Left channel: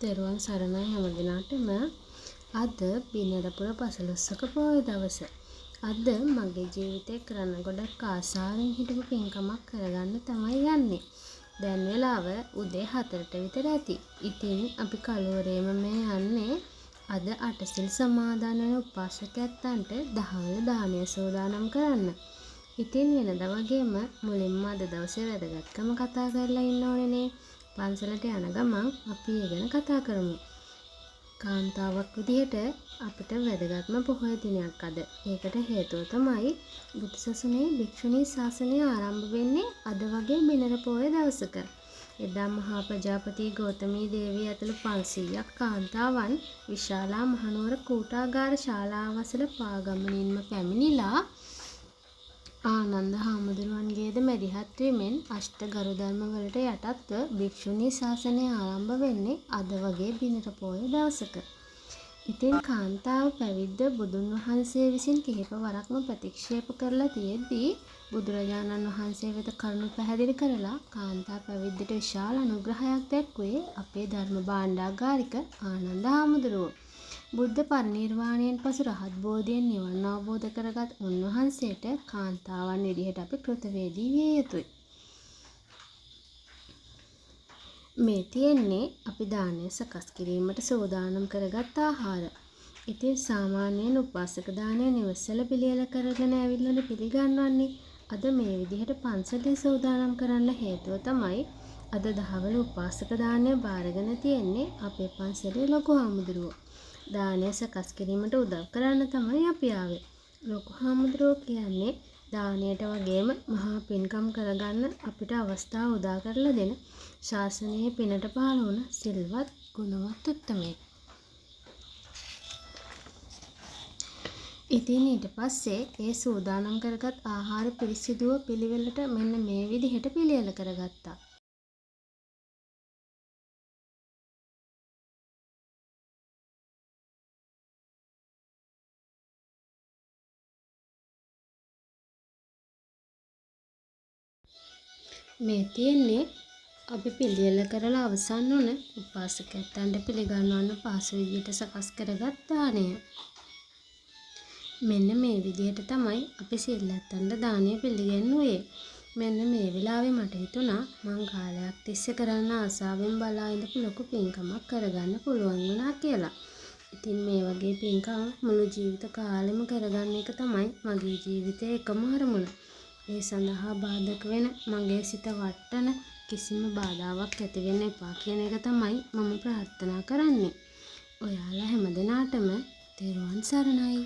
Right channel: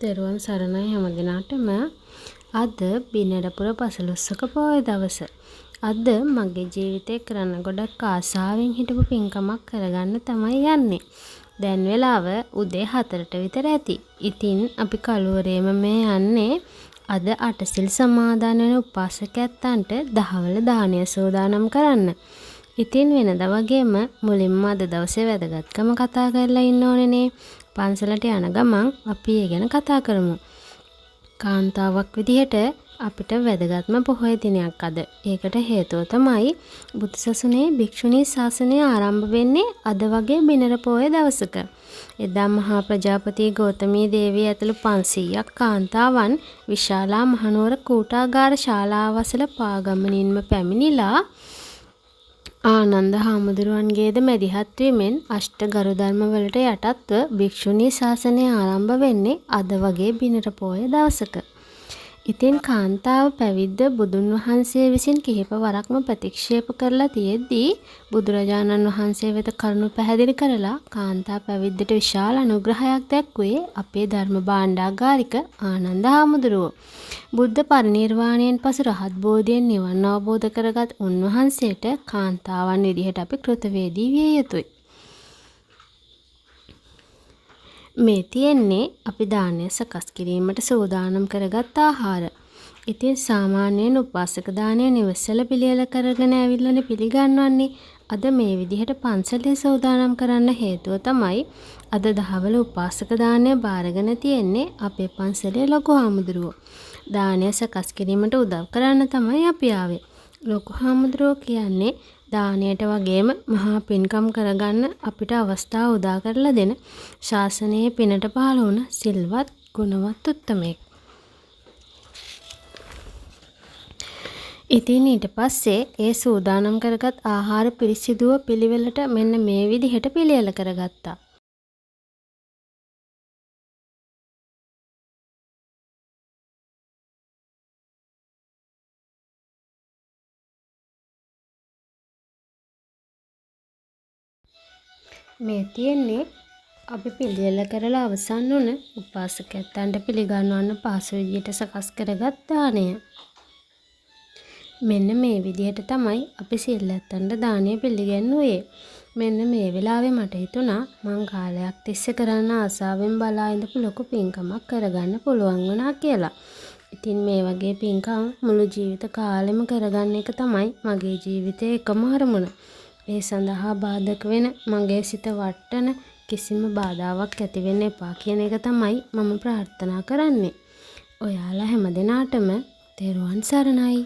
තෙරුවන් සරණයි හැම දිනාටම. අද බිනරපුර පසළොස්වක පොහොය දවස. අද මගේ ජීවිතේ කරන්න ගොඩක් ආසාවෙන් හිටපු පින්කමක් කරගන්න තමයි යන්නේ. දැන් වෙලාව උදේ 4ට විතර ඇති. ඉතින් අපි කළුවරේම මේ යන්නේ අද අටසිල් සමාදන් වෙන උපාසකයන්ට දහවල දානය සෝදානම් කරන්න. ඉතින් වෙනදා වගේම මුලින්ම අද දවසේ වැදගත්කම කතා කරලා ඉන්න ඕනේනේ. පන්සලට යන ගමන් අපි ඒ ගැන කතා කරමු. කාන්තාවක් විදිහට අපිට වැදගත්ම පොහොය දිනයක් අද. ඒකට හේතුව තමයි බුදුසසුනේ භික්ෂුණී ශාසනය ආරම්භ වෙන්නේ අද වගේ බිනර පොහොය දවසක. එදා මහා ප්‍රජාපති ගෞතමී දේවිය ඇතුළු 500ක් කාන්තාවන් විශාලා මහනුවර කූටාගාර ශාලාවසල පාගමනින්ම පැමිණිලා ආනන්ද හාමුදුරුවන්ගේද මැදිහත් වීමෙන් අෂ්ට ගරු ධර්ම වලට යටත්ව භික්ෂුණී ශාසනය ආරම්භ වෙන්නේ අද වගේ බිනර පොහොය දවසක. ඉතින් කාන්තාව පැවිද්ද බුදුන් වහන්සේ විසින් කිහිප වරක්ම ප්‍රතික්ෂේප කරලා තියෙද්දී බුදුරජාණන් වහන්සේ වෙත කරුණු පැහැදිලි කරලා කාන්තා පැවිද්දට විශාල අනුග්‍රහයක් දැක්වුවේ අපේ ධර්ම භාණ්ඩාගාරික ආනන්ද හාමුදුරුවෝ. බුද්ධ පරිනිර්වාණයෙන් පසු රහත් බෝධියෙන් නිවන් අවබෝධ කරගත් උන්වහන්සේට කාන්තාවන් විදිහට අපි කෘතවේදී විය යුතුයි. මේ තියෙන්නේ අපි දානය සකස් කිරීමට සූදානම් කරගත් ආහාර. ඉතින් සාමාන්‍යයෙන් උපාසක දානය නිවසල පිළියෙල කරගෙන ඇවිල්ලානේ පිළිගන්වන්නේ. අද මේ විදිහට පන්සලේ සූදානම් කරන්න හේතුව තමයි අද දහවල උපාසක දානය බාරගෙන තියෙන්නේ අපේ පන්සලේ ලොකු හාමුදුරුවෝ. දානය සකස් කිරීමට උදව් කරන්න තමයි අපි ආවේ. ලොකු හාමුදුරුවෝ කියන්නේ දානයට වගේම මහා පින්කම් කරගන්න අපිට අවස්ථාව උදා කරලා දෙන ශාසනයේ පිනට පහළ වුණ සිල්වත් ගුණවත් උත්තමයෙක්. ඉතින් ඊට පස්සේ ඒ සූදානම් කරගත් ආහාර පිරිසිදුව පිළිවෙලට මෙන්න මේ විදිහට පිළියෙල කරගත්තා. මේ තියෙන්නේ අපි පිළියෙල කරලා අවසන් වුණ උපාසකයන්ට පිළිගන්වන්න පහසු විදියට සකස් කරගත් දාණය. මෙන්න මේ විදිහට තමයි අපි සිල්ලත්තන්ට දාණය පිළිගන්වුවේ. මෙන්න මේ වෙලාවේ මට හිතුණා මං කාලයක් තිස්සේ කරන්න ආසාවෙන් බලා ඉඳපු ලොකු පින්කමක් කරගන්න පුළුවන් වුණා කියලා. ඉතින් මේ වගේ පින්කම් මුළු ජීවිත කාලෙම කරගන්න එක තමයි මගේ ජීවිතයේ එකම අරමුණ. ඒ සඳහා බාධක වෙන මගේ සිත වටන කිසිම බාධාවක් ඇති වෙන්න එපා කියන එක තමයි මම ප්‍රාර්ථනා කරන්නේ. ඔයාලා හැමදෙනාටම තෙරුවන් සරණයි.